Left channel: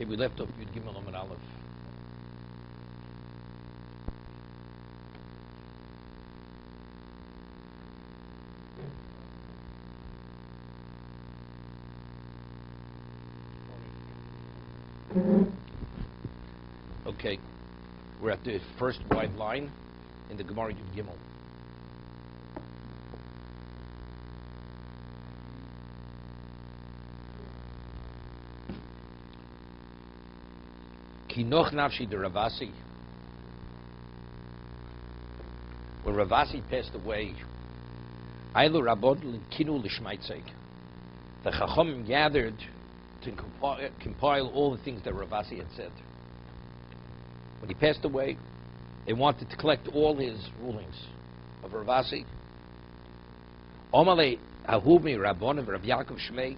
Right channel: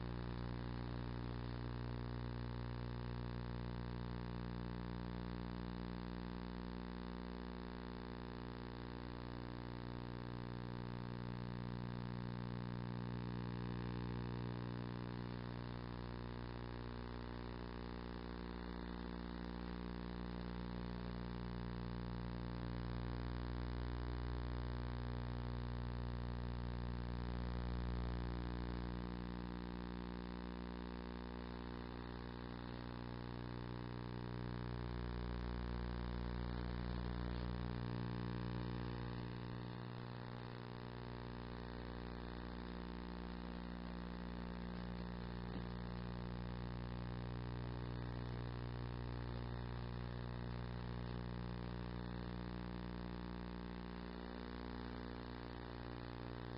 Okay, we left off Yud Gimel Amud Aleph. Okay, we're at the first wide line in the Gemara Yud Gimel. Kinoch nafshi de Ravasi. When Ravasi passed away, Ailu Rabod Kinu Lishmaitzek. The Chacham gathered to compile all the things that Ravasi had said. When he passed away, they wanted to collect all his rulings of Ravasi. Omale Ahumi Rabbonim Rav Yaakov Shmei.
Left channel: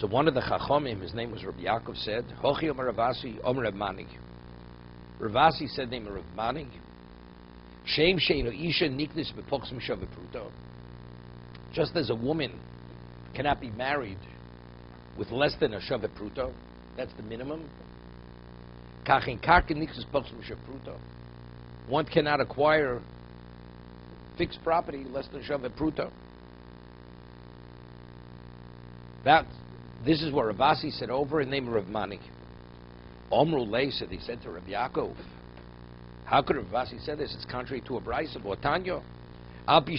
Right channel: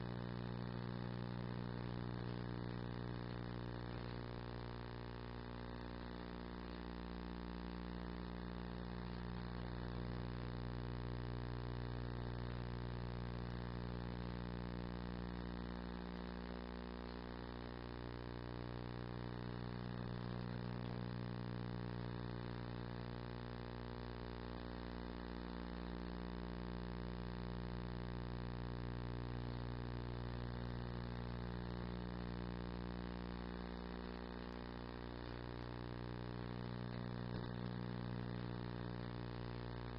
So one of the Chachamim, his name was Rabbi Yaakov, said, Hochi Omer Ravasi Omer Rav Mani. Ravasi said name of Rav Mani. Shem Sheinu Isha Niknis Bepochs Mishav Pruto. Just as a woman cannot be married with less than a Shavet Pruto, that's the minimum. Kachin Kakin Niknis Bepochs Mishav Pruto. One cannot acquire fixed property less than Shavet Pruto. This is what Ravasi said over in the name of Rav Mani. Omru Lei said, he said to Rav Yaakov, how could Ravasi say this? It's contrary to a brayso of Tanyo. It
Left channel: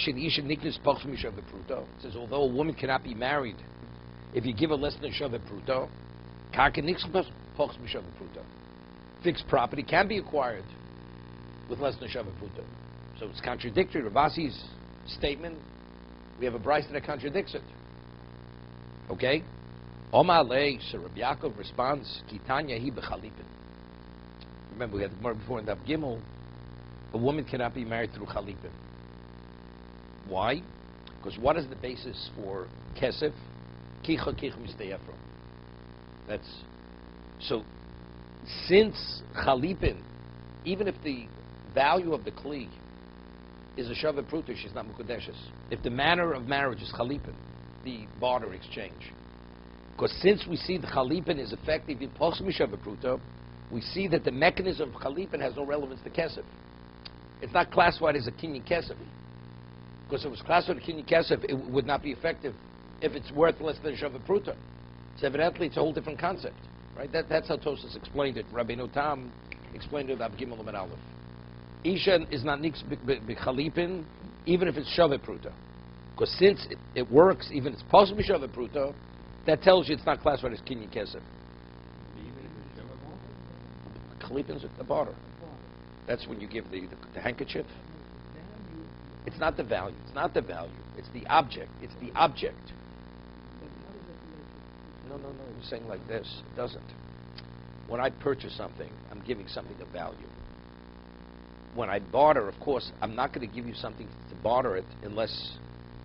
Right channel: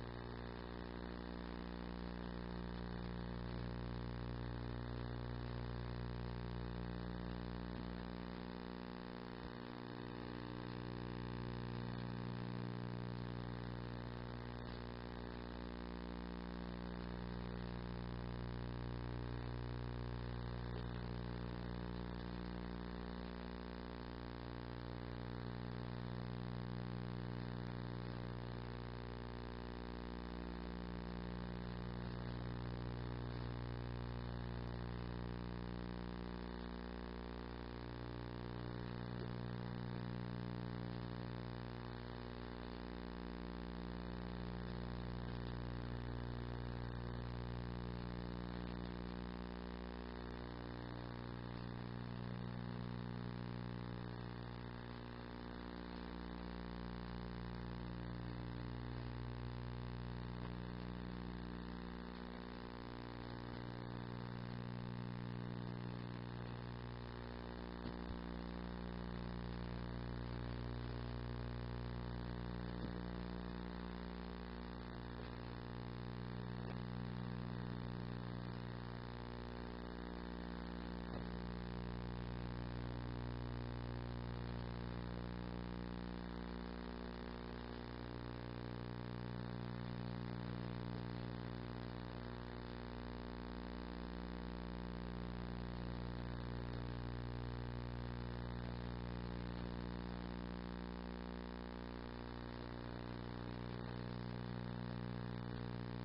says, although a woman cannot be married, if you give her less than a Shavet Pruto, fixed property can be acquired with less than a Shavet Pruto. So it's contradictory. Ravasi's statement, we have a brayso that contradicts it. Okay? Omar Lei, so Rabbi Yaakov responds, Kitanya hi bechalipin. Remember, we had the Gemara before in Daf Gimel. A woman cannot be married through chalipin. Why? Because what is the basis for kesef? Kicha kich misteyefro. That's so. Since chalipin, even if the value of the kli is a shavet pruta, she's not mukadeshes. If the manner of marriage is chalipin, the barter exchange. Because since we see the chalipin is effective in poch mishavet pruta, we see that the mechanism of chalipin has no relevance to kesef. It's not classified as a kinyan kesef. Because if it was classified as a kinyan kesef, it would not be effective if it's worth less than shavet pruta. So evidently it's a whole different concept. Right? That's how Tosas explained it. Rabbi Notam explained it about Gimel and Aleph. Isha is not niks b'chalipin, even if it's shavet pruta. Because since it works, even if it's possible shavet pruta, that tells you it's not classified as kinyan kesef. Chalipin's at the bottom. That's when you give the handkerchief. It's not the value. It's not the value. It's the object. It's the object. No. You're saying like this. It doesn't. When I purchase something, I'm giving something of value. When I barter, of course, I'm not going to give you something to barter it unless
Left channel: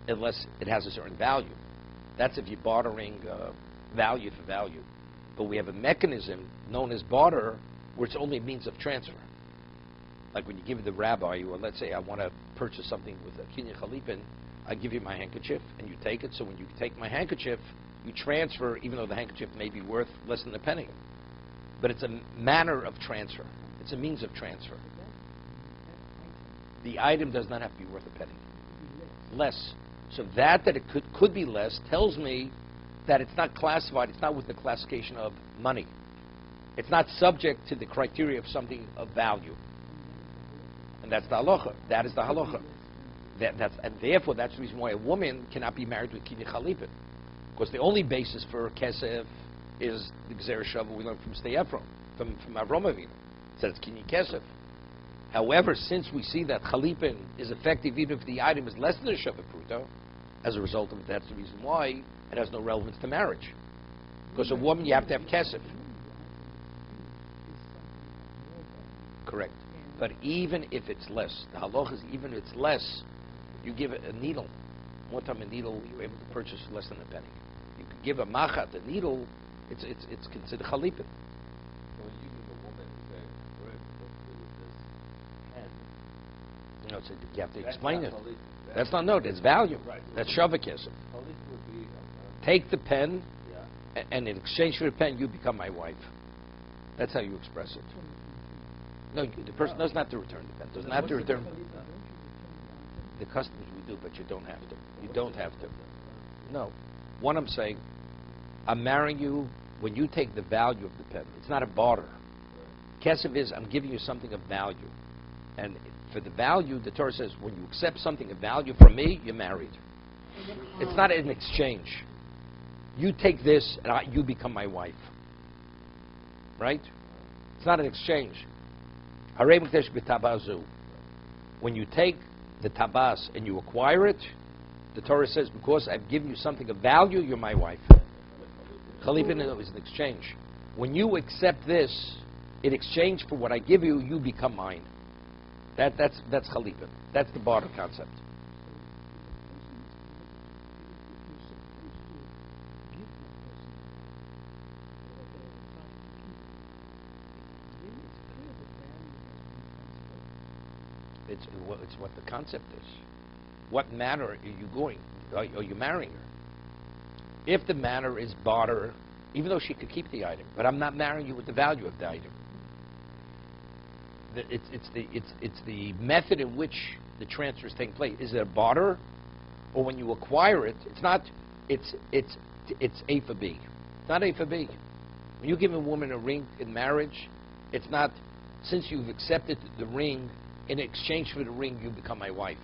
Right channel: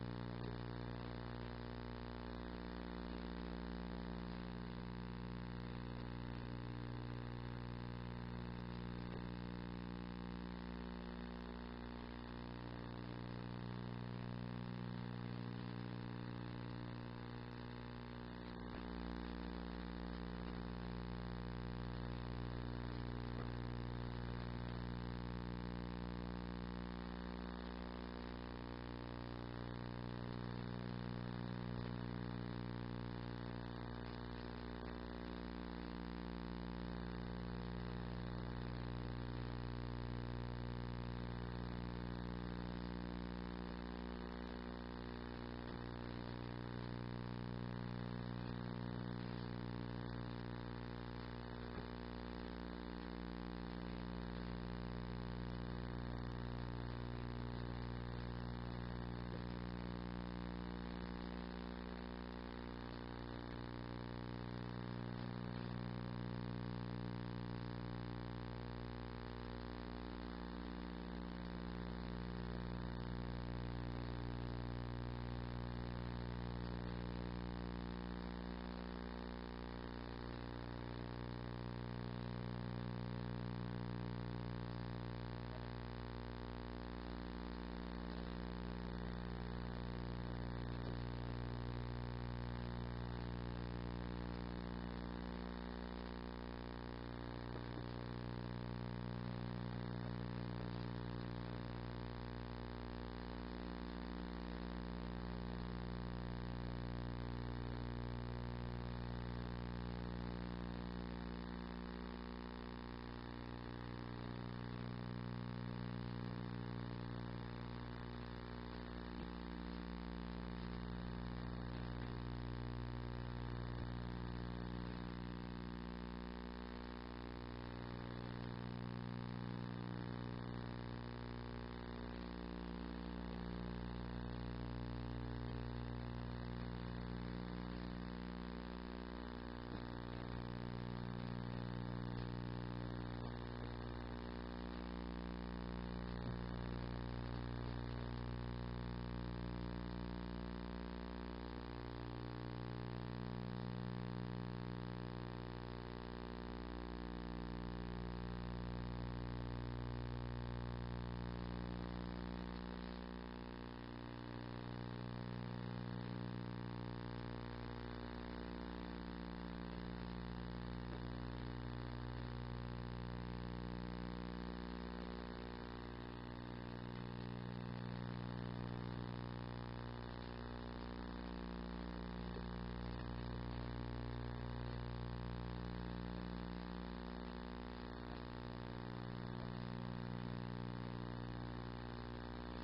it has a certain value. That's if you're bartering value for value. But we have a mechanism known as barter where it's only a means of transfer. Like when you give the rabbi, or let's say I want to purchase something with a kinyan chalipin, I give you my handkerchief and you take it. So when you take my handkerchief, you transfer, even though the handkerchief may be worth less than a penny. But it's a manner of transfer. It's a means of transfer. The item does not have to be worth a penny. Less. So that it could be less tells me that it's not classified, it's not with the classification of money. It's not subject to the criteria of something of value. And that's the halacha. That is the halacha. And therefore, that's the reason why a woman cannot be married with kinyan chalipin. Because the only basis for kesef is the gzera shava we learned from Steyefrom, from Avram Avinu. It says kinyan kesef. However, since we see that chalipin is effective even if the item is less than a shavet pruta, as a result of it, that's the reason why it has no relevance to marriage. Because a woman, you have to have kesef. Correct. But even if it's less, the halacha is even if it's less, you give it a needle. One time a needle, you were able to purchase less than a penny. You could give a machat, a needle, it's considered chalipin. You know, so you have to explain it. That's not note, it's value. That's shavakesef. Take the pen And in exchange for the pen, you become my wife. That's how you express it. No, the person doesn't have to return the pen. Doesn't have to return. The customs we do, but you don't have to. You don't have to. No. What I'm saying, I'm marrying you when you take the value of the pen. It's not a barter. Kesef is, I'm giving you something of value. And for the value, the Torah says, when you accept something of value from me, you're married. It's not an exchange. You take this, and you become my wife. Right? It's not an exchange. When you take the tabas and you acquire it, the Torah says, because I've given you something of value, you're my wife. Chalipin is an exchange. When you accept this, in exchange for what I give you, you become mine. That's chalipin. That's the barter concept. It's what the concept is. What manner are you going? Are you marrying her? If the manner is barter, even though she could keep the item, but I'm not marrying you with the value of the item. It's the method in which the transfer is taking place. Is it a barter, or when you acquire it? It's not. It's A for B. It's not A for B. When you give a woman a ring in marriage, it's not. Since you've accepted the ring, in exchange for the ring, you become my wife.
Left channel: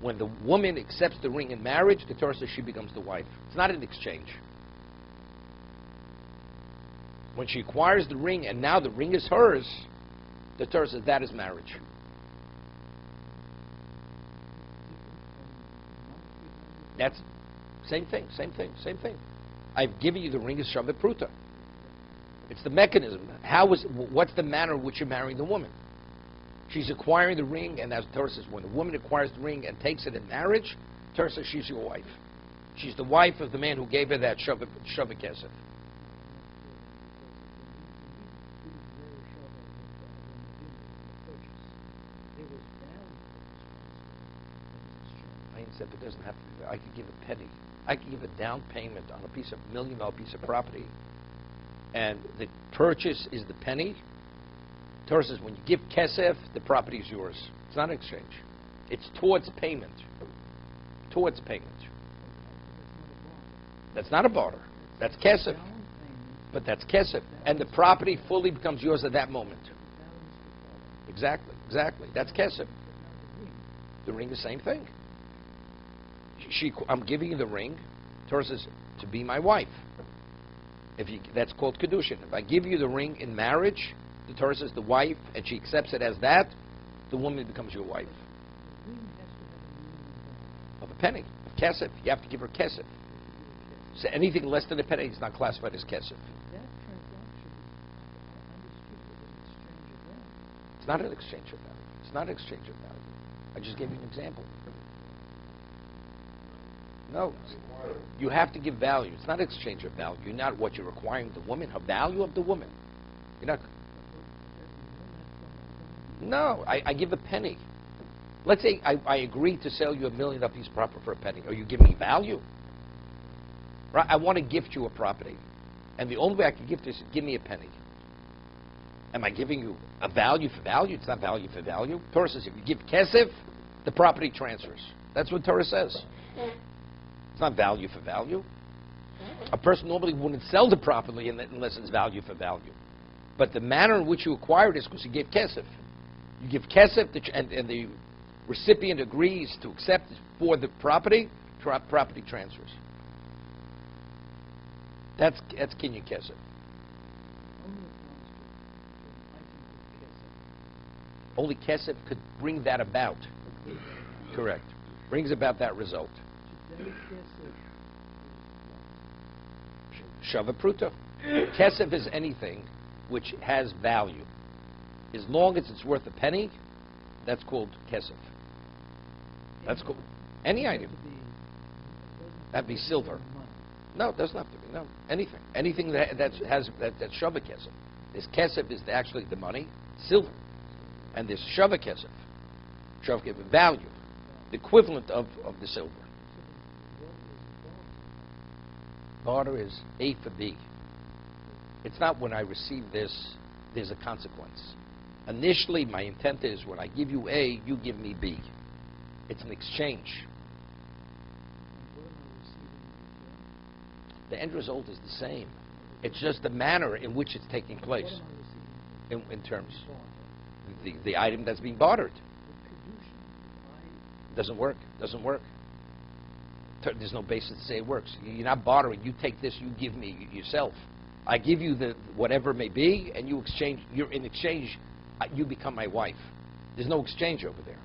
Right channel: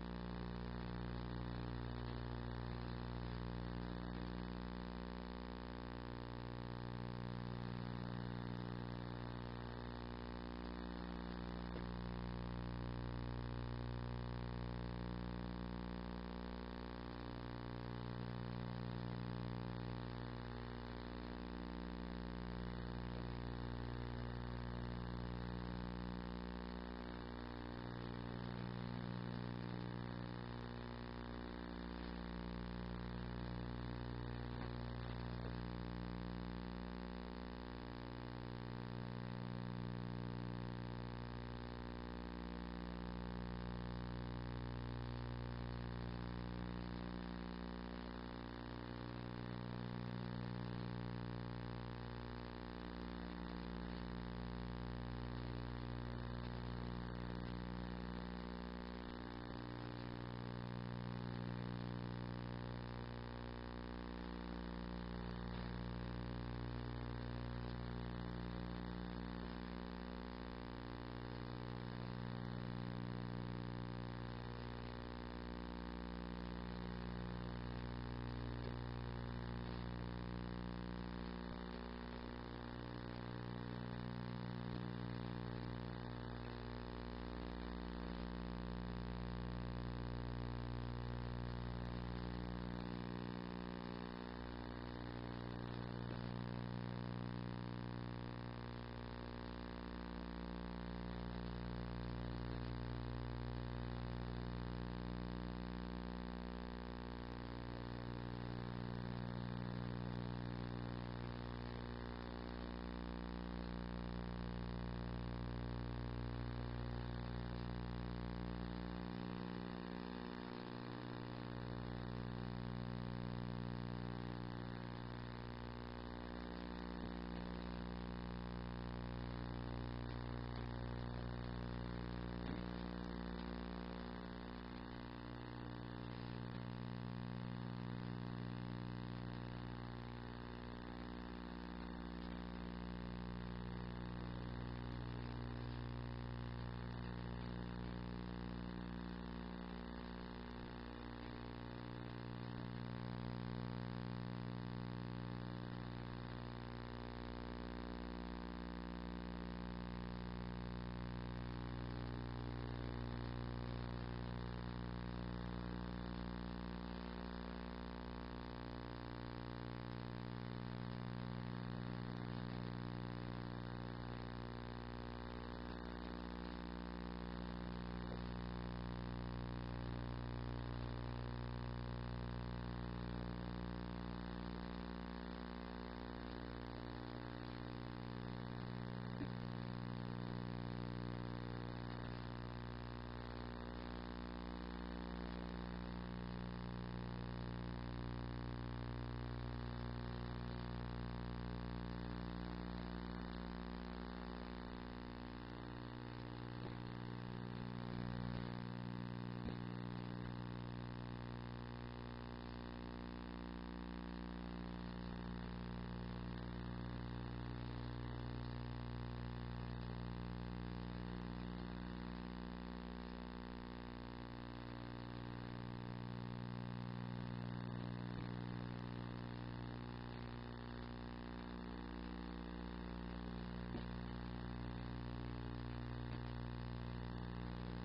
When the woman accepts the ring in marriage, the Torah says she becomes the wife. It's not an exchange. When she acquires the ring and now the ring is hers, the Torah says that is marriage. That's same thing. I've given you the ring as Shavit Pruta. It's the mechanism. What's the manner in which you're marrying the woman? She's acquiring the ring, and as the Torah says, when a woman acquires the ring and takes it in marriage, the Torah says she's your wife. She's the wife of the man who gave her that Shavit Kesef. It doesn't have to. I could give a penny. I could give a down payment on a $1 million piece of property, and the purchase is the penny. Torah says when you give kesef, the property is yours. It's not an exchange. It's towards payment. Towards payment. That's not a barter. That's kesef. But that's kesef. And the property fully becomes yours at that moment. Exactly. That's kesef. The ring, the same thing. I'm giving you the ring. Torah says to be my wife. That's called Kiddushin. If I give you the ring in marriage, the Torah says the wife, and she accepts it as that, the woman becomes your wife. Of a penny. Kesef. You have to give her kesef. So anything less than a penny is not classified as kesef. It's not an exchange of value. It's not an exchange of value. I just gave you an example. No. You have to give value. It's not exchange of value. You're not what you're requiring of the woman, her value of the woman. You're not. No, I give a penny. Let's say I agree to sell you $1 million piece of property for a penny. Are you giving me value? Right? I want to gift you a property. And the only way I can gift this is give me a penny. Am I giving you a value for value? It's not value for value. Torah says if you give kesef, the property transfers. That's what Torah says. It's not value for value. A person normally wouldn't sell the property unless it's value for value. But the manner in which you acquired is because you gave kesef. You give kesef, and the recipient agrees to accept for the property transfers. That's kinyan kesef. Only kesef could bring that about. Correct. Brings about that result. Shavit Pruta. Kesef is anything which has value. As long as it's worth a penny, that's called kesef. That's cool. Any item. That'd be silver. No, it doesn't have to be. No, anything. Anything that's Shavit Kesef. This kesef is actually the money, silver. And this Shavit Kesef. Shavit Kesef, value. The equivalent of the silver. Barter is A for B. It's not when I receive this, there's a consequence. Initially, my intent is when I give you A, you give me B. It's an exchange. The end result is the same. It's just the manner in which it's taking place in terms of the item that's being bartered. Doesn't work. Doesn't work. There's no basis to say it works. You're not bartering. You take this, you give me yourself. I give you the whatever it may be, and you exchange. You're in exchange. You become my wife. There's no exchange over there.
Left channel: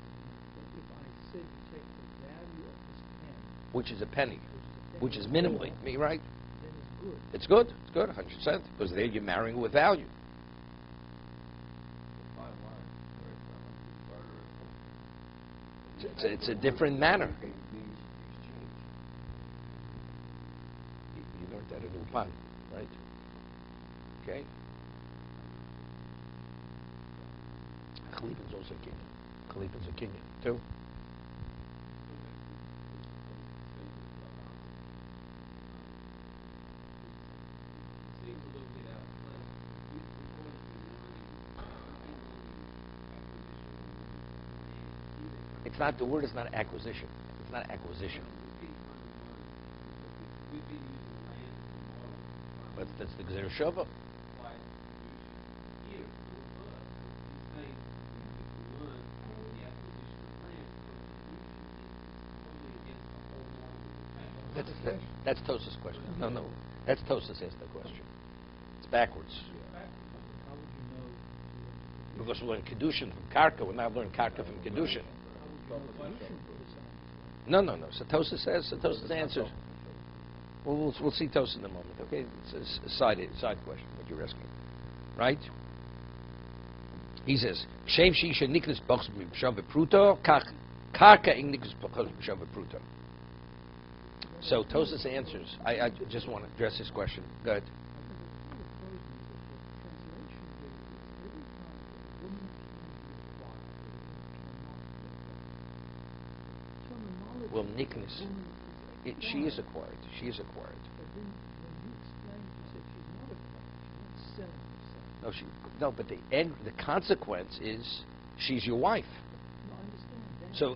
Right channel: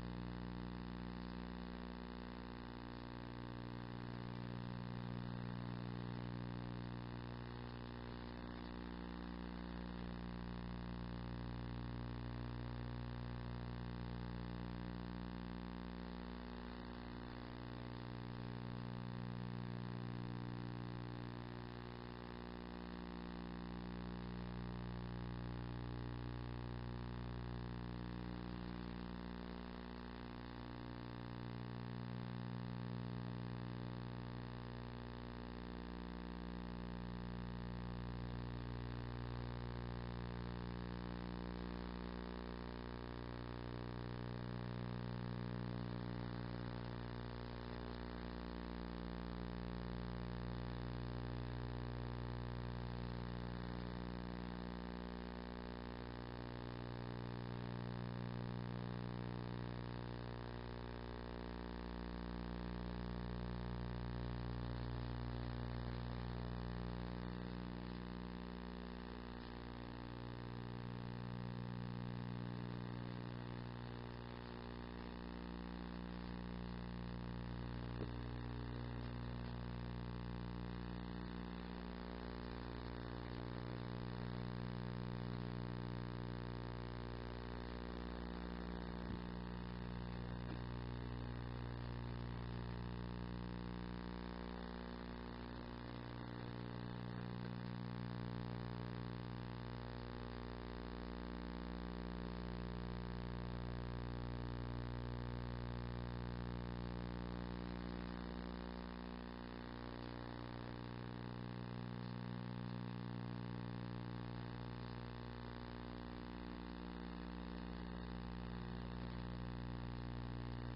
Which is a penny, which is minimally, right? It's good. It's good, 100%, because there you're marrying with value. It's a different manner. You learned that at Upan, right? Okay. Cleveland's also king. Cleveland's a king too. It's not, the word is not acquisition. It's not acquisition. But that's the Gzer Shava. That's Tosa's question. No. That's Tosa's asked the question. It's backwards. Because we're learning Kiddushin from Karka. We're not learning Karka from Kiddushin. No. So Tosa's answer. We'll see Tosa in a moment. Okay, it's a side question that you're asking, right? He says, "Shem sheisha niklas box b'shav pruto karka ing niklas b'shav pruto." So Tosa's answers. I just want to address his question. Go ahead. Well, niklas, she is acquired. She is acquired. But the consequence is she's your wife. So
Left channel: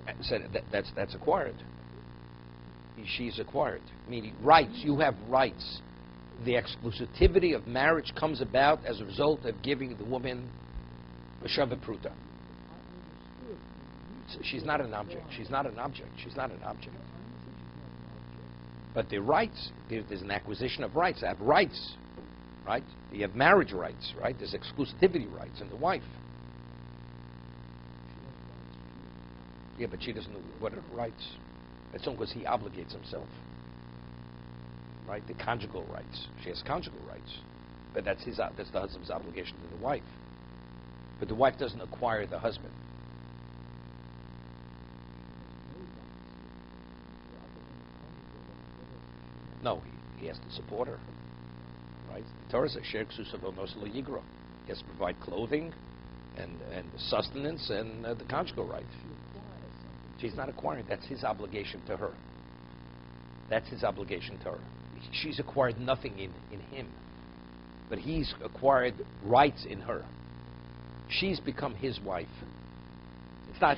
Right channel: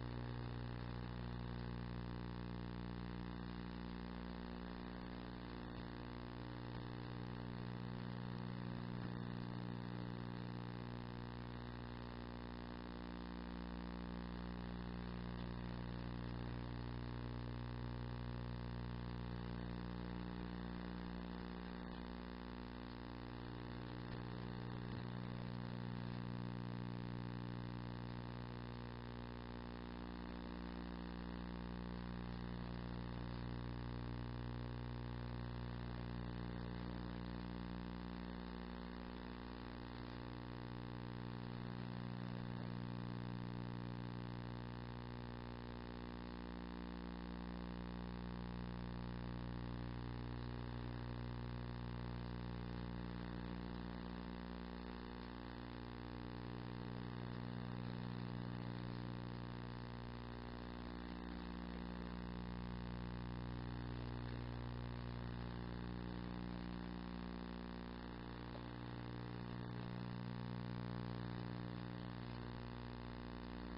that's acquired. She's acquired, meaning rights. You have rights. The exclusivity of marriage comes about as a result of giving the woman a shavah pruta. She's not an object. She's not an object. She's not an object. But the rights, there's an acquisition of rights. I have rights, right? You have marriage rights, right? There's exclusivity rights in the wife. Yeah, but she doesn't know what are the rights. That's only because he obligates himself, right? The conjugal rights. She has conjugal rights, but that's the husband's obligation to the wife. But the wife doesn't acquire the husband. No, he has to support her, right? The Torah says, "Sher k'susav moslo yigro." He has to provide clothing and sustenance and the conjugal right. She's not acquiring. That's his obligation to her. That's his obligation to her. She's acquired nothing in him, but he's acquired rights in her. She's become his wife. It's not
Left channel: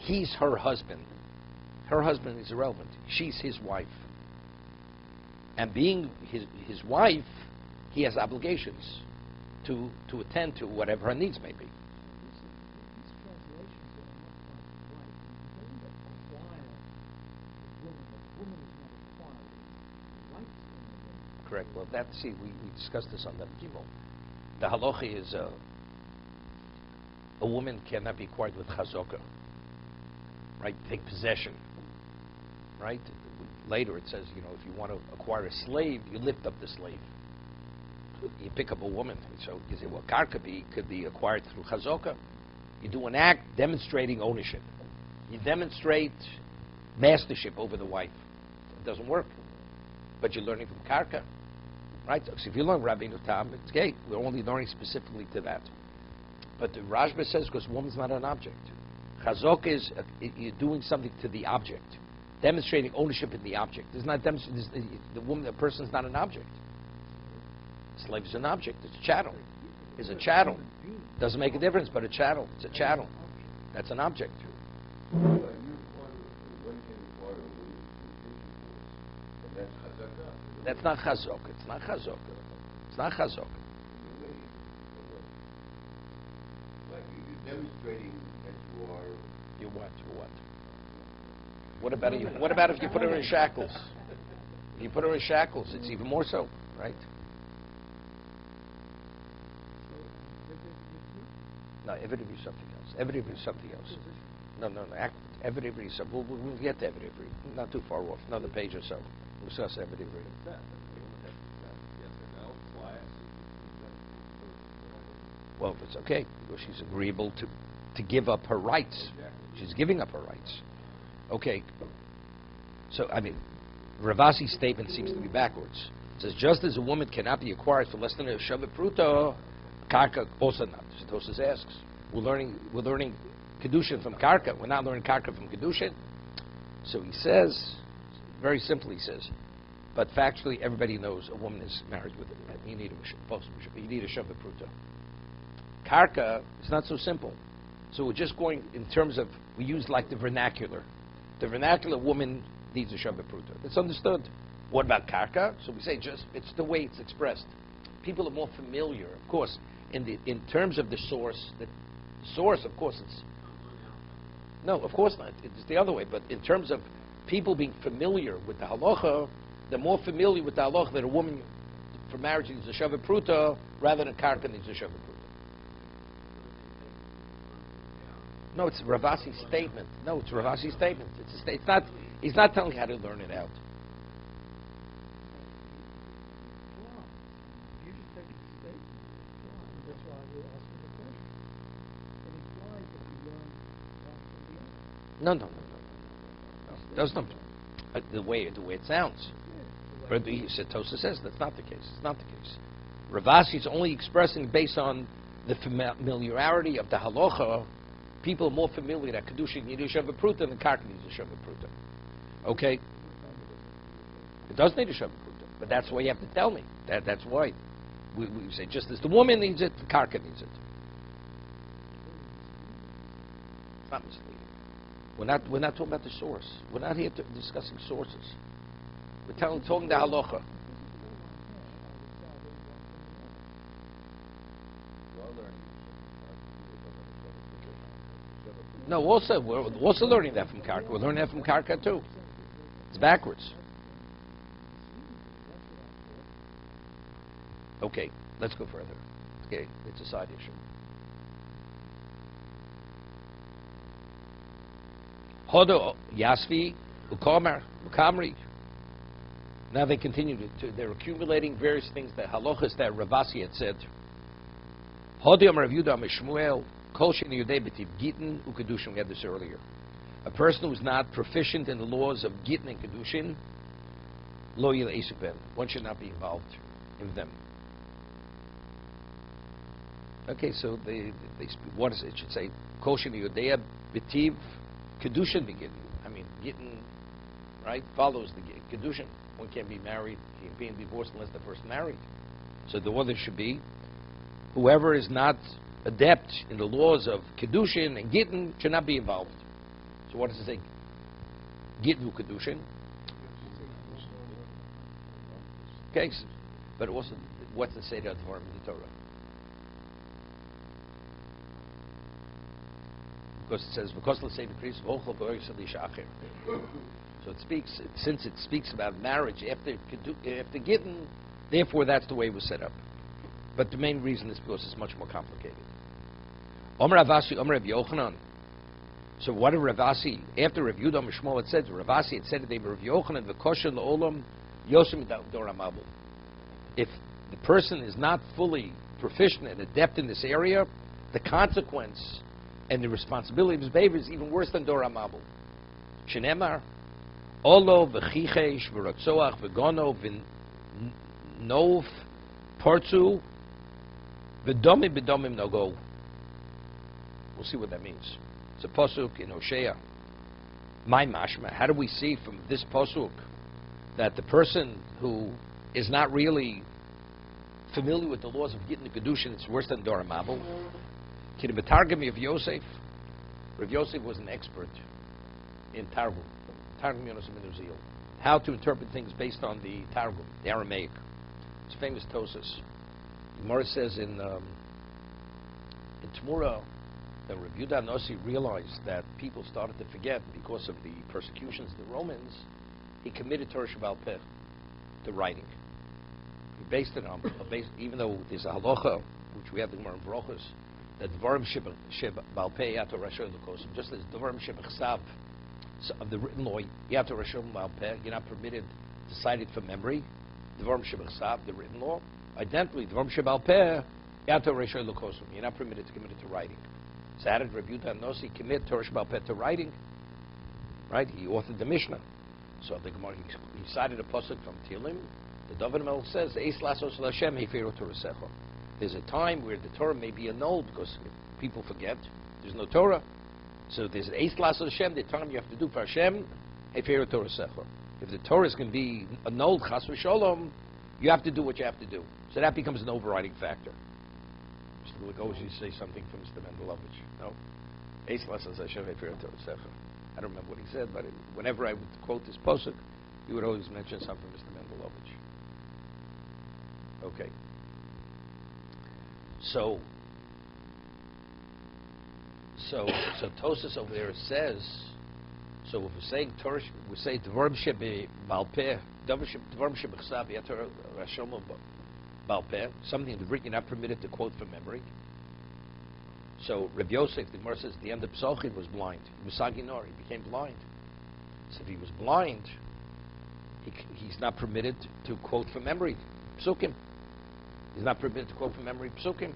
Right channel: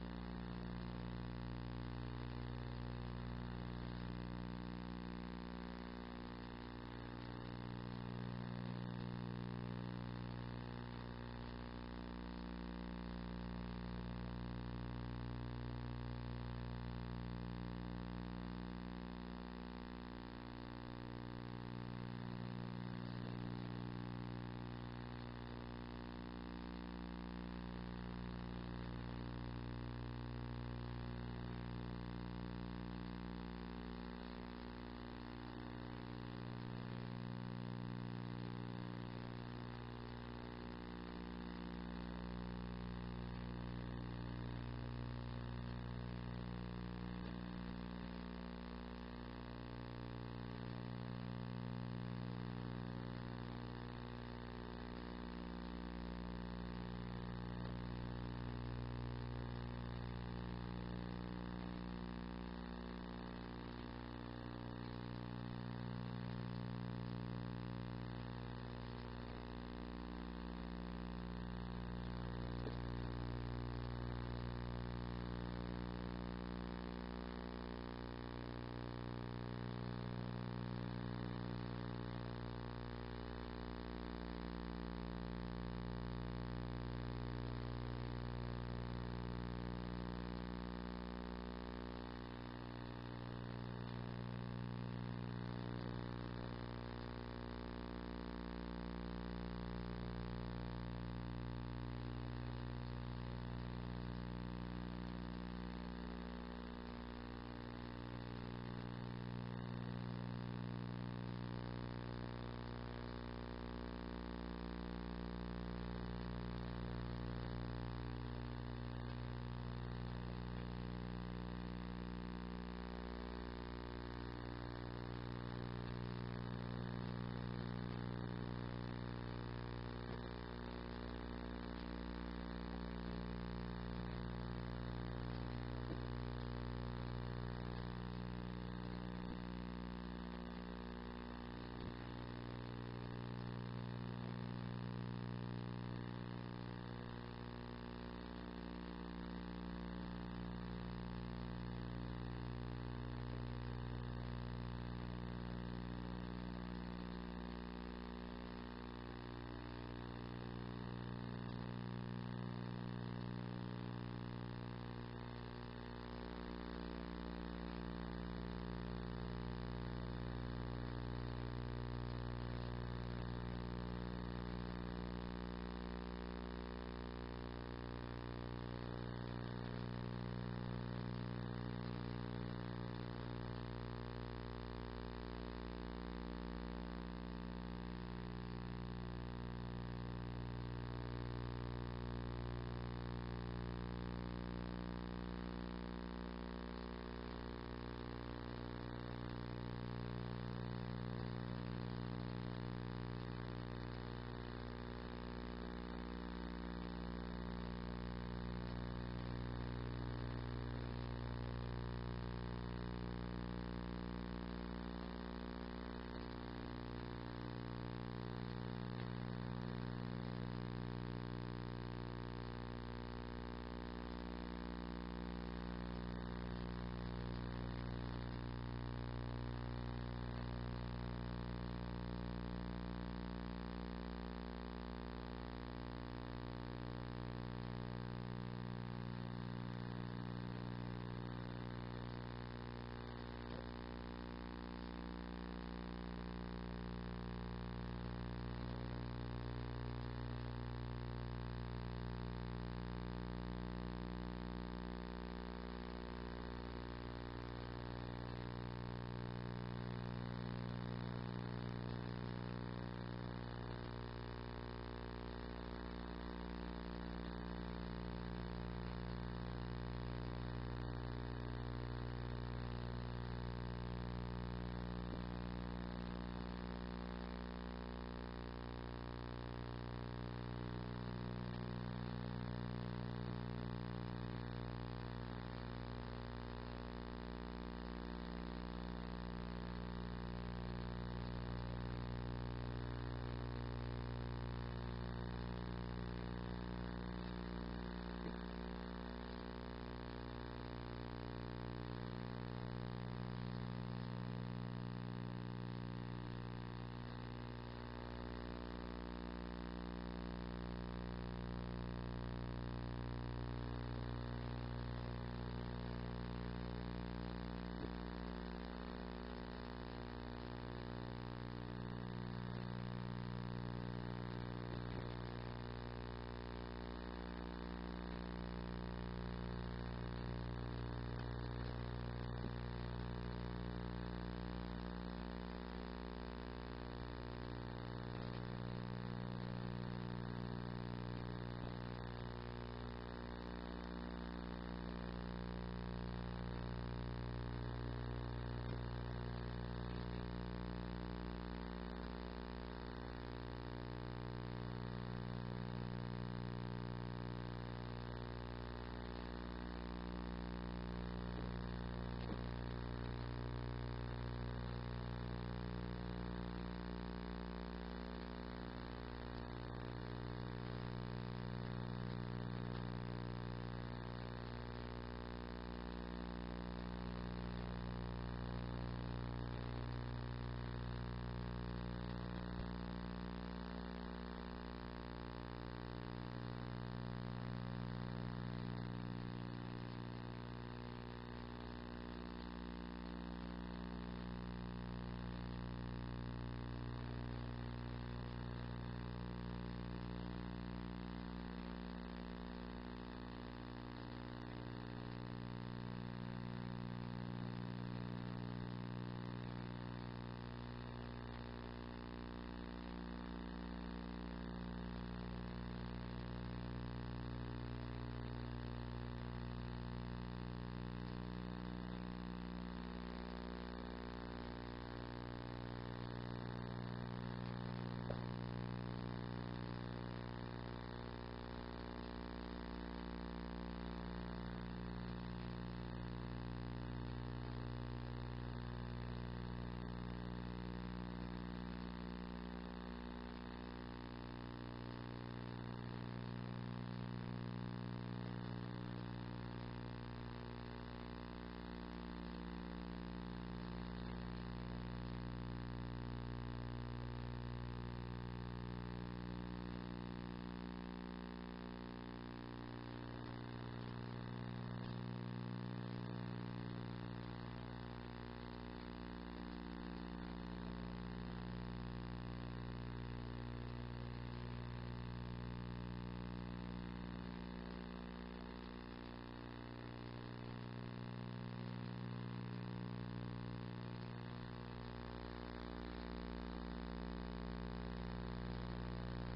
he's her husband. Her husband is irrelevant. She's his wife. And being his wife, he has obligations to attend to whatever her needs may be. Correct. Well, we discussed this on the people. The halacha is a woman cannot be acquired with chazokah, right? Take possession, right? Later it says, if you want to acquire a slave, you lift up the slave. You pick up a woman. So you say, well, karka could be acquired through chazokah. You do an act demonstrating ownership. You demonstrate mastership over the wife. It doesn't work. But you're learning from karka, right? So if you learn Rabbi Nutam, it's great. We're only learning specifically to that. But the Rashba says, because woman's not an object. Chazokah is you're doing something to the object. demonstrating ownership in the object. It's not the woman, the person's not an object. Slave is an object. It's a chattel. It's a chattel. Doesn't make a difference, but a chattel. It's a chattel. That's an object. That's not chazok. It's not chazok. It's not chazok. You what? What about you? What about if you put her in shackles? If you put her in shackles, it's even more so, right? No, evidently something else. Evidently something else. No. Evidently something. We'll get to evidently. Not too far off. Another page or so. We'll discuss evidently. Well, if it's okay. Well, she's agreeable to give up her rights. She's giving up her rights. Okay. So, I mean, Ravasi's statement seems to be backwards. It says, just as a woman cannot be acquired for less than a Shabbat Pruta, Karka also not. Tosas asks, we're learning Kiddushin from Karka. We're not learning Karka from Kiddushin. So he says, very simply he says, but factually everybody knows a woman is married with it. Right? You need a Shabbat Pruta. Karka is not so simple. So we're just going in terms of, we use like the vernacular. The vernacular woman needs a Shabbat Pruta. It's understood. What about Karka? So we say just, it's the way it's expressed. People are more familiar, of course, in terms of the source. The source, of course, is, no, of course not. It's the other way. But in terms of people being familiar with the halacha, they're more familiar with the halacha that a woman for marriage needs a Shabbat Pruta rather than Karka needs a Shabbat Pruta. No, it's Ravasi's statement. No, it's Ravasi's statement. It's not. He's not telling you how to learn it out. No. That's not the way it sounds. Rabbi Tosa says that's not the case. It's not the case. Ravasi is only expressing based on the familiarity of the halacha. People are more familiar that Kiddushin need a Shabbat Pruta than Karka needs a Shabbat Pruta. Okay? It does need a Shabbat Pruta, but that's why you have to tell me. That's why we say just as the woman needs it, the Karka needs it. It's not misleading. We're not talking about the source. We're not here discussing sources. We're talking the halacha. No, we're also learning that from Karka. We're learning that from Karka too. It's backwards. Okay, let's go further. Okay, it's a side issue. Hodo Yasvi Ukamri. Now they continue they're accumulating various things, the halachas that Ravasi had said. Hodo Rav Yehuda Mishmuel. We had this earlier. A person who's not proficient in the laws of Gittin and Kiddushin, one should not be involved with them. Okay, so they what is it? It should say Koshin Yudea B'tiv Kiddushin begin. I mean, Gittin, right, follows the Kiddushin. One can't be married, can't be divorced unless the person married. So the order should be whoever is not adept in the laws of Kiddushin and Gittin should not be involved. So what does it say? Gittin Kiddushin. Okay, but also, what's the Seder of the Torah? Because it says, because let's say the priest, so it speaks, since it speaks about marriage after Gittin, therefore that's the way it was set up. But the main reason is because it's much more complicated. Omer Ravasi, Omer Rav Yochanan. So what did Ravasi, after Rav Yehuda Mishmuel had said, Ravasi had said to Rav Yochanan, V'kosher l'olam yosem doram abu. If the person is not fully proficient and adept in this area, the consequence and the responsibility of his behavior is even worse than doram abu. Shenemar, olo v'chichesh v'ratzoach v'gono v'nov portu v'domim b'domim nogo. We'll see what that means. It's a pasuk in Hosea. My mashma, how do we see from this posuk that the person who is not really familiar with the laws of Gittin Kiddushin is worse than Dora Mabel? Kidbetargami of Yosef. Rav Yosef was an expert in Targum. Targum Yonos Minuzil. How to interpret things based on the Targum, the Aramaic. It's famous Tosas. Gemara says in Tamura that Rav Yudah Nossi realized that people started to forget because of the persecutions of the Romans. He committed Torah Shabbal Peh to writing. He based it on, even though there's a halacha, which we have the Gemara in Brochus, that Dvarim Shabbal Peh Yato Rashon L'Kosim, just as Dvarim Shabbal of the written law, Yato Rashon L'Al Peh, you're not permitted to cite it from memory. Dvarim Shabbal the written law, identically Dvarim Shabbal Peh Yato Rashon L'Kosim, you're not permitted to commit it to writing. So how did Rabbi Yudah Nossi commit Torah Shabbal Peh to writing? Right? He authored the Mishnah. So the Gemara, he cited a pasuk from Tehillim. The David Melech says, "Eis lasos l'Hashem heferu Torasecha." There's a time where the Torah may be annulled because people forget. There's no Torah. So there's an Eis lasos Hashem, the time you have to do for Hashem, heferu Torasecha. If the Torah is going to be annulled, chas v'sholom, you have to do what you have to do. So that becomes an overriding factor. Mr. Lugosi, you say something to Mr. Mendelovich? No. Eis lasos Hashem heferu Torasecha. I don't remember what he said, but whenever I would quote this posuk, he would always mention something to Mr. Mendelovich. Okay. So Tosas over there says, so if we're saying Torah, we say Dvarim Shebe Balpeh, Dvarim Shebe Chsav Yator Rashom Balpeh, something in the written you're not permitted to quote from memory. So Rabbi Yosef, the Gemara says, at the end of Pesachim was blind. Musaginor, he became blind. So if he was blind, he's not permitted to quote from memory Psukim. He's not permitted to quote from memory Psukim.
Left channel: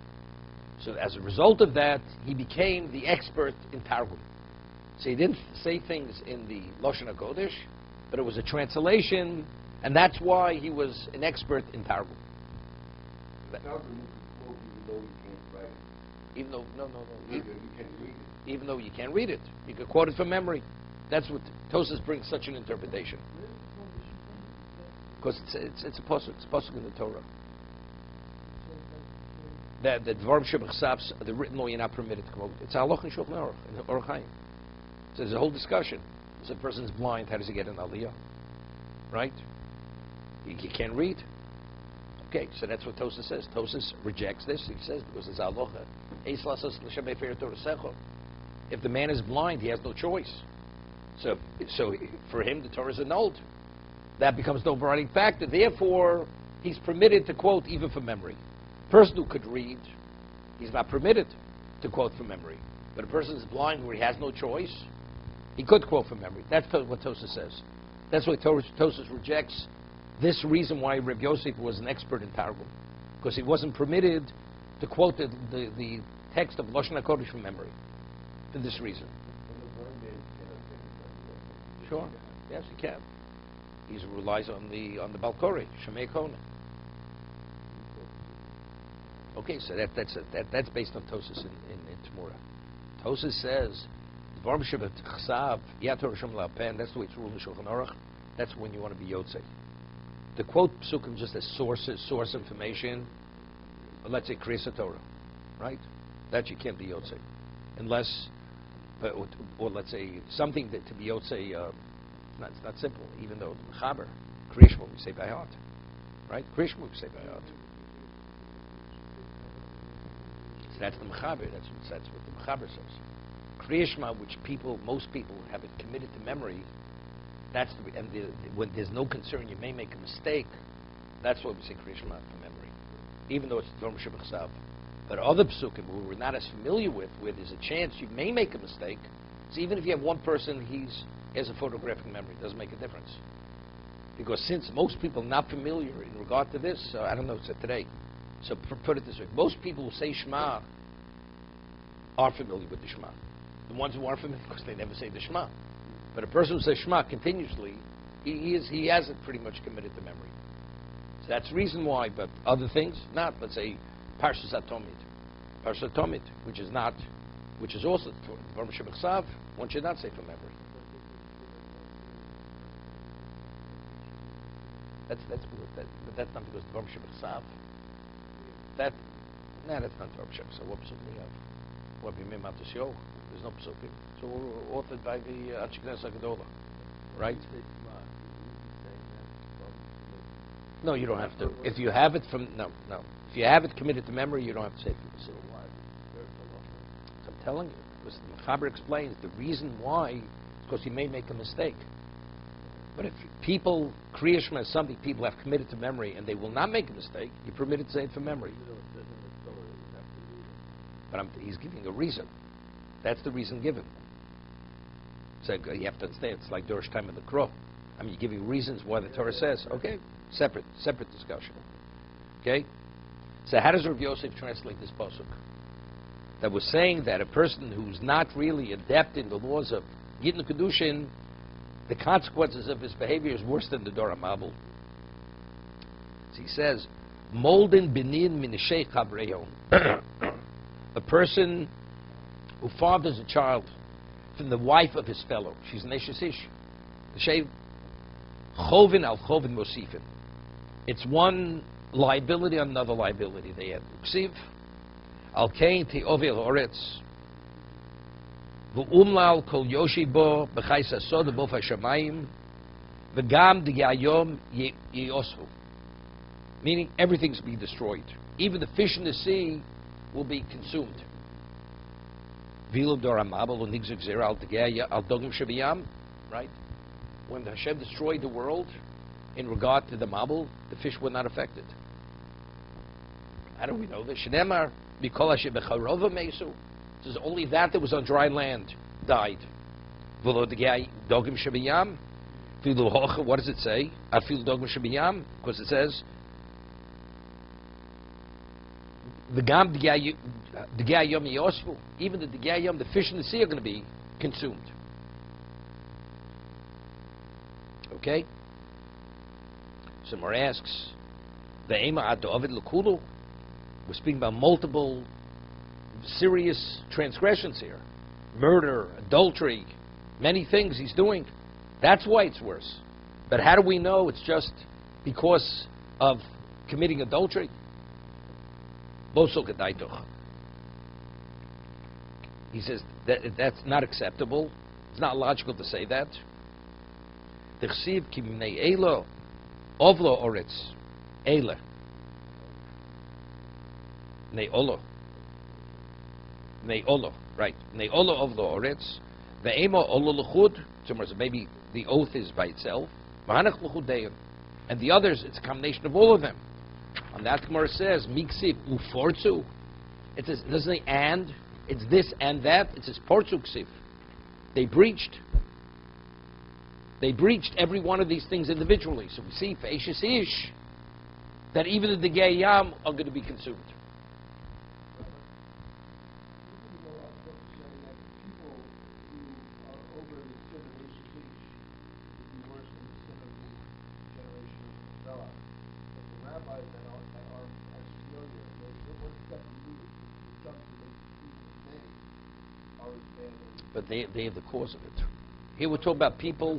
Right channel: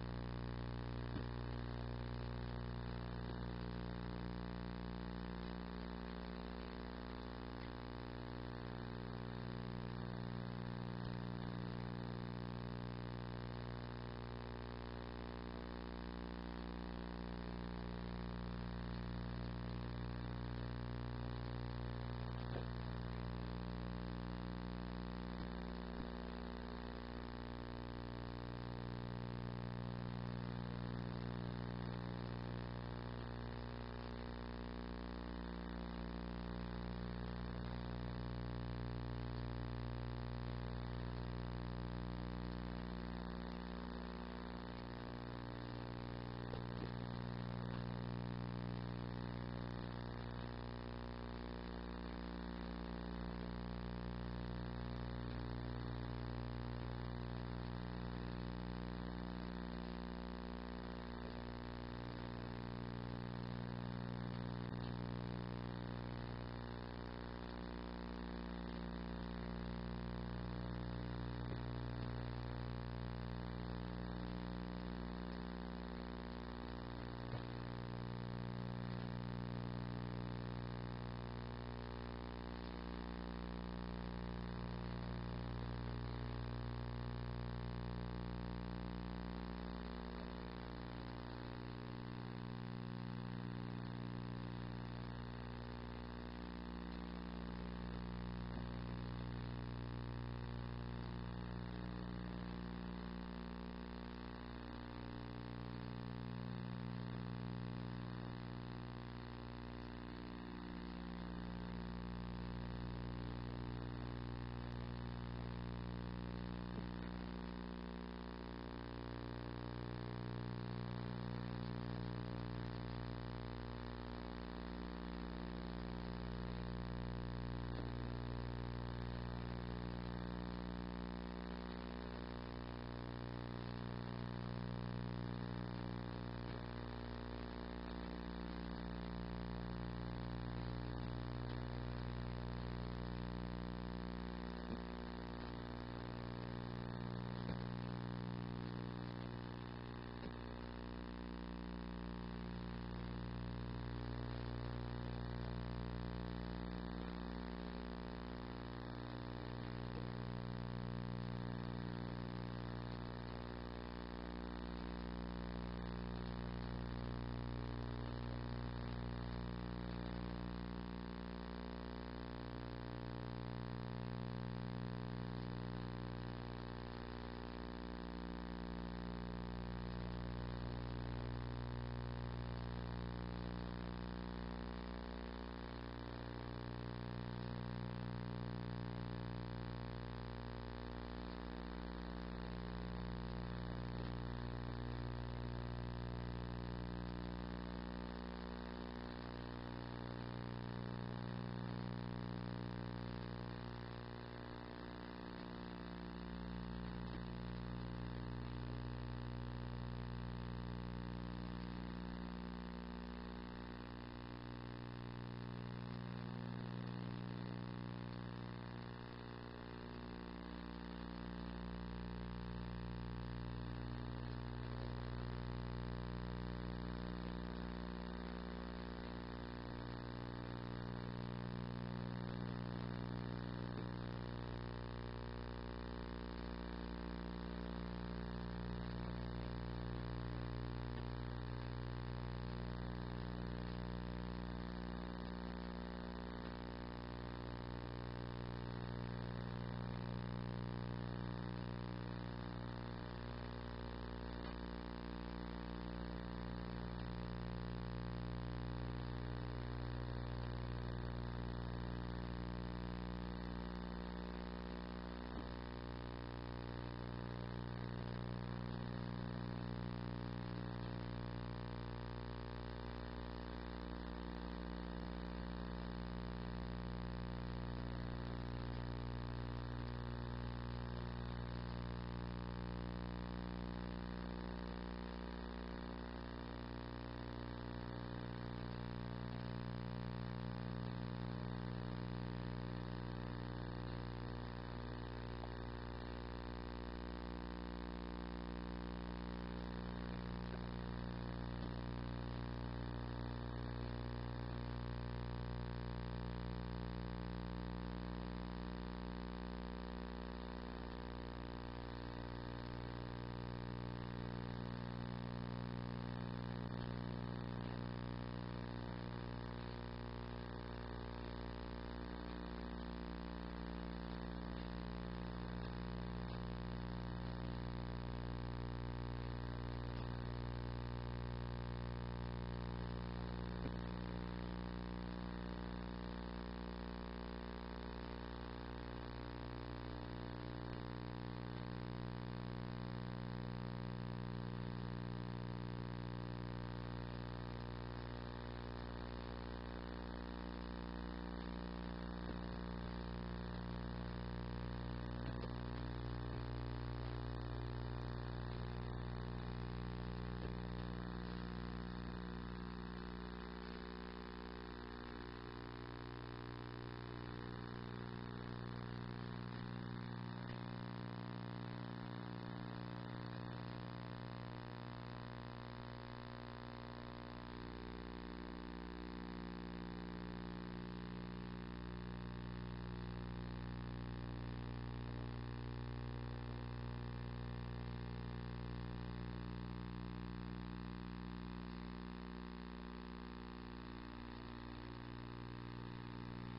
So as a result of that, he became the expert in Targum. So he didn't say things in the Lashon HaKodesh, but it was a translation, and that's why he was an expert in Targum. Even though, even though you can't read it, you can quote it from memory. That's what Tosas brings such an interpretation. Because it's a pasuk, it's pasuk in the Torah. That the Dvarim Shebachsavs, the written law, you're not permitted to quote. It's halach and shulchan aruch in the Orach Chaim. So there's a whole discussion. If a person's blind, how does he get an aliyah? Right? He can't read. Okay, so that's what Tosas says. Tosas rejects this. He says because it's halacha. If the man is blind, he has no choice. So for him, the Torah is annulled. That becomes the overriding factor. Therefore, he's permitted to quote even from memory. A person who could read, he's not permitted to quote from memory. But a person is blind where he has no choice, he could quote from memory. That's what Tosas says. That's why Tosas rejects this reason why Reb Yosef was an expert in Targum. Because he wasn't permitted to quote the text of Lashon HaKodesh from memory. For this reason. Sure. Yes, he can. He relies on the Balkori, Shemei Kona. Okay, so that's based on Tosas in Tamura. Tosas says, Dvarim Shebachsav Yator Rashom L'Al Peh, that's the way it's ruled in Shulchan Aruch. That's when you want to be Yotzei. To quote Psukim just as source information, let's say Kriyas Torah, right? That you can't be Yotzei. Unless, or let's say something that to be Yotzei, it's not simple, even though Chaber, Kriyashma we say by heart. Right? Kriyashma we say by heart. So that's the Mechaber, that's what the Mechaber says. Kriyashma, which most people have it committed to memory, when there's no concern you may make a mistake, that's why we say Kriyashma from memory. Even though it's Dvarim Shebachsav. But other psukim who we're not as familiar with, where there's a chance you may make a mistake, so even if you have one person, he has a photographic memory, it doesn't make a difference. Because since most people are not familiar in regard to this, I don't know, so today, so put it this way, most people who say Shema are familiar with the Shema. The ones who aren't familiar, because they never say the Shema. But a person who says Shema continuously, he has it pretty much committed to memory. So that's the reason why, but other things, not, let's say, parshas Talmud, which is also Dvarim Shebachsav, one should not say from memory. that's not because Baruch Shem Saf. That's not Baruch Shem. So what psuk we have? What we mean Matos Yo? There's no psuk. So we're authored by the Ashkenaz Hagadola, right? No, you don't have to. If you have it from if you have it committed to memory, you don't have to say it. So I'm telling you, because the Mechaber explains the reason why is because you may make a mistake. But if people, Kriya Shema is something people have committed to memory and they will not make a mistake, you're permitted to say it from memory. But he's giving a reason. That's the reason given. So you have to understand, it's like Dorish time of the Crow. I mean, you give you reasons why the Torah says, okay, separate discussion. Okay? So how does Rav Yosef translate this pasuk? That was saying that a person who's not really adept in the laws of Yidden Kiddushin, the consequences of his behavior is worse than the Dor HaMabul. So he says, Molden benin min sheikh habreyo. A person who fathers a child from the wife of his fellow. She's an Eshes Ish. Sheikh chovin al chovin mosifin. It's one liability on another liability. They have Ksiv, al kain ti ovil oretz. V'umlal kol yoshi bo b'chayis asod bo fashamayim v'gam d'yayom yoshu. Meaning everything's being destroyed. Even the fish in the sea will be consumed. V'ilo dor HaMabul u'nigzuk zera al d'gaya al dogim shabiyam. Right? When Hashem destroyed the world, in regard to the Mabul, the fish were not affected. How do we know this? Shneimar mikol asher b'charova meisu. It says only that was on dry land died. V'lo d'gay dogim shabiyam. V'lo hocha. What does it say? Afil dogim shabiyam. Because it says the gam d'gay yom yosfu. Even the d'gay yom, the fish in the sea are going to be consumed. Okay. Somewhere asks, the Ema ad David Lekulu. We're speaking about multiple serious transgressions here. Murder, adultery, many things he's doing. That's why it's worse. But how do we know it's just because of committing adultery? He says that's not acceptable. It's not logical to say that. T'chsiv ki b'nei elo ovlo oretz ele nei olo right nei olo ovlo oretz ve'emo olo l'chud. So maybe the oath is by itself, and the others it's a combination of all of them. And that Gemara says miksiv ufortzu. It says it doesn't say and, it's this and that. It says portzu ksiv. They breached every one of these things individually. So we see for Eshes Ish that even the Degei Yam are going to be consumed. But they are the cause of it. Here we're talking about people.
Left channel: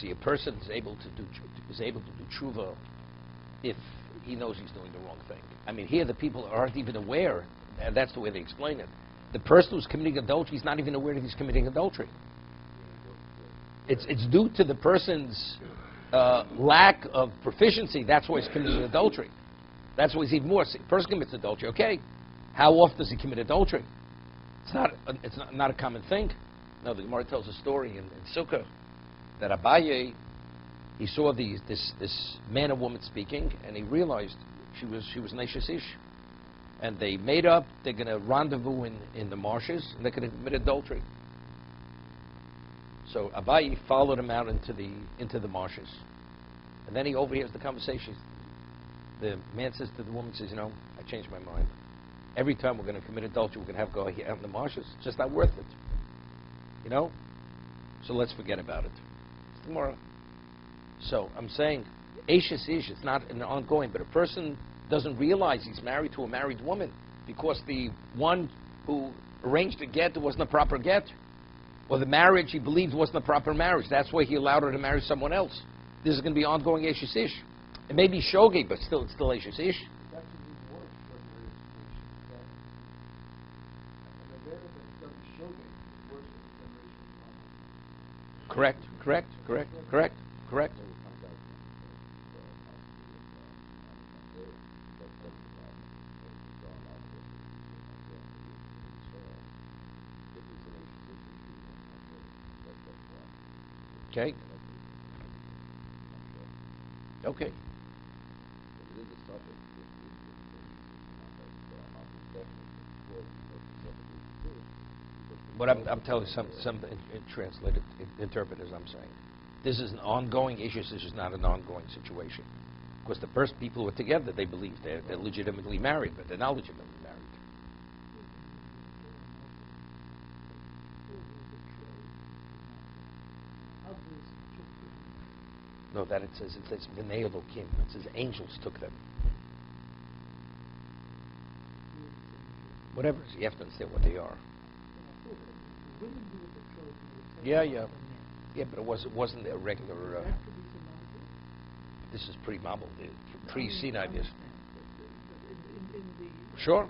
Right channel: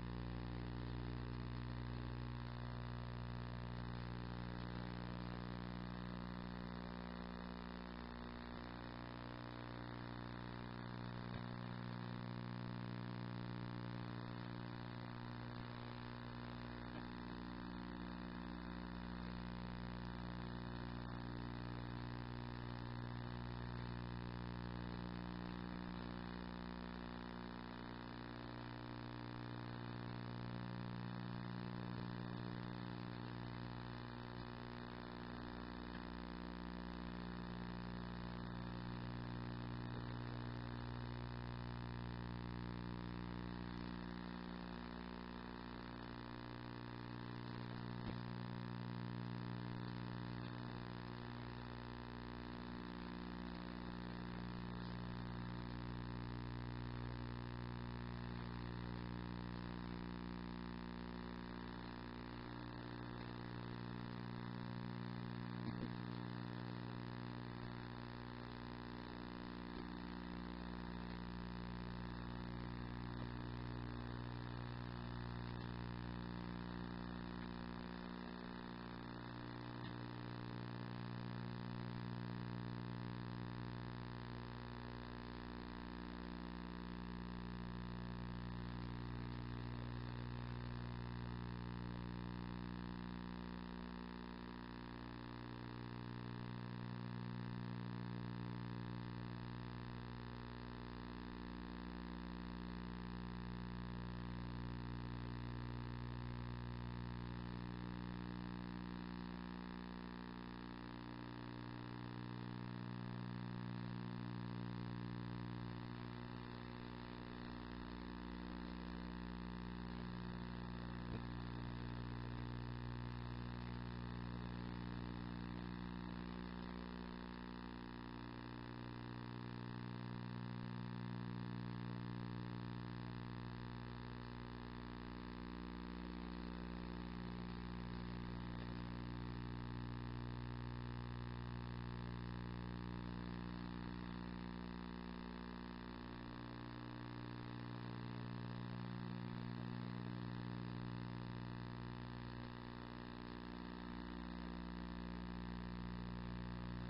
See, a person is able to do tshuva if he knows he's doing the wrong thing. I mean, here the people aren't even aware, and that's the way they explain it. The person who's committing adultery is not even aware that he's committing adultery. It's due to the person's lack of proficiency. That's why he's committing adultery. That's why he's even more. The person commits adultery. Okay, how often does he commit adultery? It's not a common thing. No, the Gemara tells a story in Sukkah that Abaye, he saw this man and woman speaking, and he realized she was Neshes Ish, and they made up. They're going to rendezvous in the marshes, and they're going to commit adultery. So Abaye followed him out into the marshes, and then he overhears the conversation. The man says to the woman, says, I changed my mind. Every time we're going to commit adultery, we're going to have to go out in the marshes. It's just not worth it. So let's forget about it. Tomorrow. So I'm saying, Eshes Ish, it's not an ongoing, but a person doesn't realize he's married to a married woman because the one who arranged the get wasn't a proper get, or the marriage he believed wasn't a proper marriage. That's why he allowed her to marry someone else. This is going to be ongoing Eshes Ish. It may be Shogeg, but still, it's still Eshes Ish. Correct. Okay. What I'm telling some translated interpreters, I'm saying, this is an ongoing issue. This is not an ongoing situation. Because the first people who were together, they believe they're legitimately married, but they're not legitimately married. No, that it says V'nei Elokim. It says angels took them. Whatever. You have to understand what they are. Yeah, but it wasn't a regular. This is pre-Mabul, pre-Sinai. Sure.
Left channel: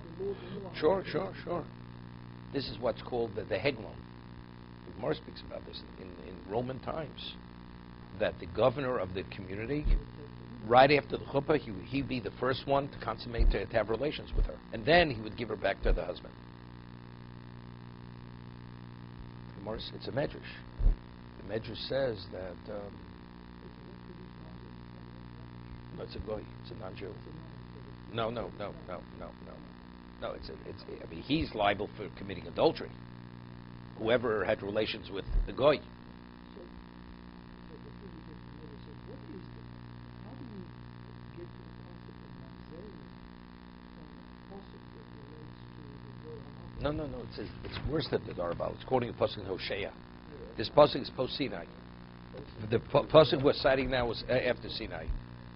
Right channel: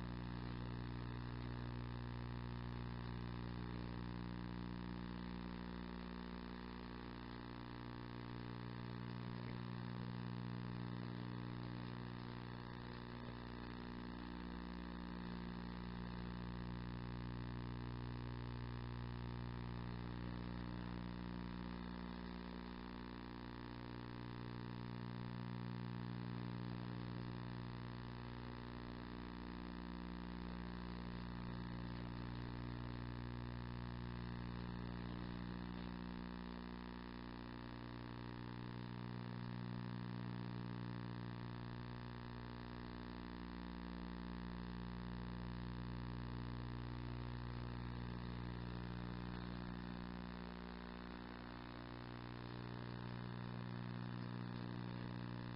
This is what's called the Hegmon. The Gemara speaks about this in Roman times. That the governor of the community, right after the chuppah, he'd be the first one to consummate, to have relations with her. And then he would give her back to the husband. It's a medrash. The medrash says that it's a goy, it's a non-Jew. No. I mean, he's liable for committing adultery. Whoever had relations with the goy. No. It says it's worse than the Darbal. It's quoting a pasuk in Hosea. This pasuk is post Sinai. The pasuk we're citing now was after Sinai.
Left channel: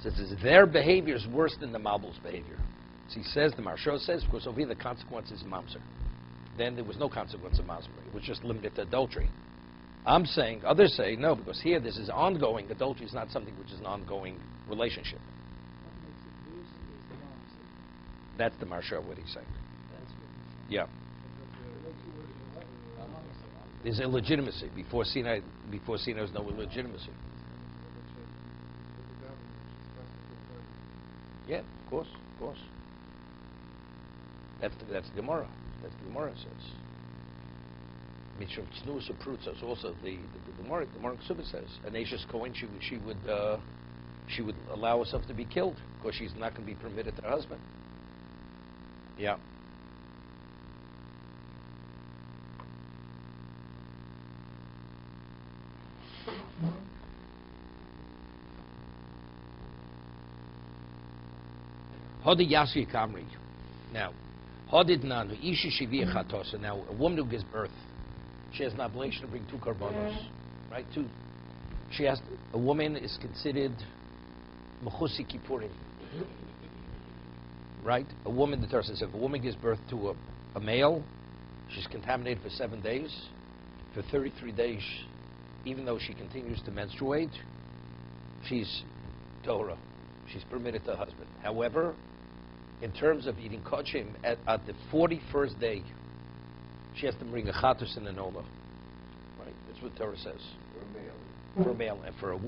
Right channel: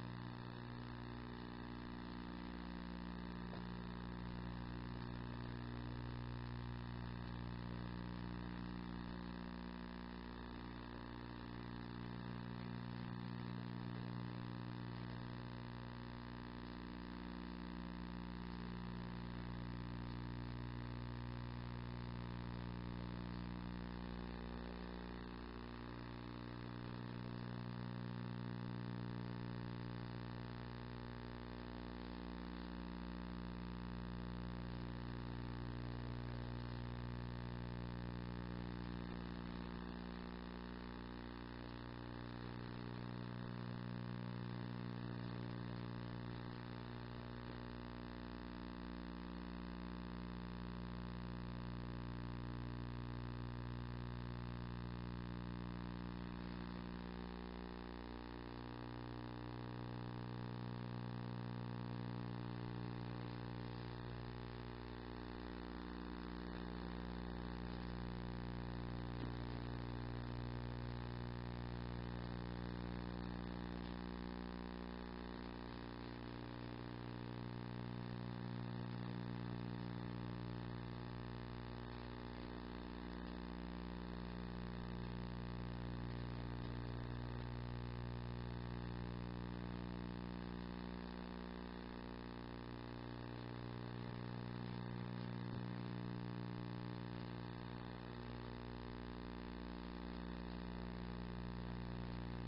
It says their behavior is worse than the Mabul's behavior. So he says, the Maharsha says, because over here the consequence is mamzer. Then there was no consequence of mamzer. It was just limited to adultery. I'm saying, others say, no, because here this is ongoing. Adultery is not something which is an ongoing relationship. That's the Maharsha, what he's saying. Yeah. There's illegitimacy. Before Sinai there's no illegitimacy. Yeah, of course. That's the Gemara. That's the Gemara says. Mishum Tznuus Prutz also the Gemara Ksubah says an Ashes Kohen she would allow herself to be killed because she's not going to be permitted to her husband. Yeah. Hodi Yasi Kamri. Now, Hodid Nanu, Isha Shivia Chatosa. Now, a woman who gives birth, she has an obligation to bring 2 karbanos. Right? 2. A woman is considered Mechusi Kippurim. Right? A woman, the Torah says, if a woman gives birth to a male, she's contaminated for 7 days. For 33 days, even though she continues to menstruate, she's Torah. She's permitted to her husband. However, in terms of eating kochim, at the 41st day, she has to bring a chatos and an ola. Right? That's what Torah says. For a male. And for a